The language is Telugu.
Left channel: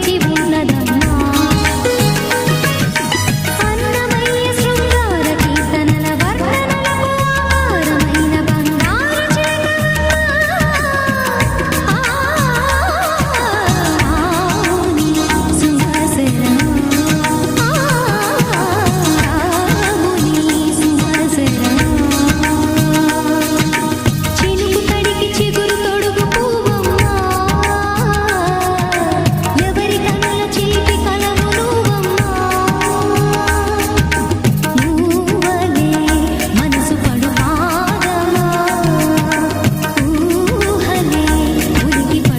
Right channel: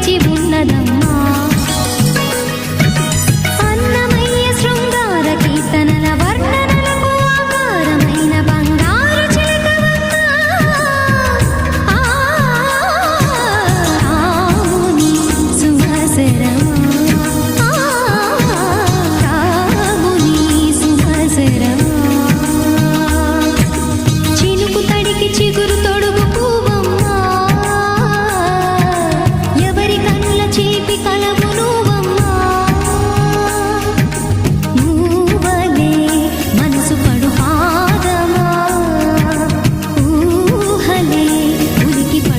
వేచి ఉన్నదమ్మా. అన్నమయ్య శృంగార కీర్తనల వర్ణనలకు ఆకారమైన బంగారు చేతవమ్మాని సుమసరమా. రాగుని సుమసరమా. చినుకు తడికి చిగురు తొడుగు పువ్వు మనసు పడుపా.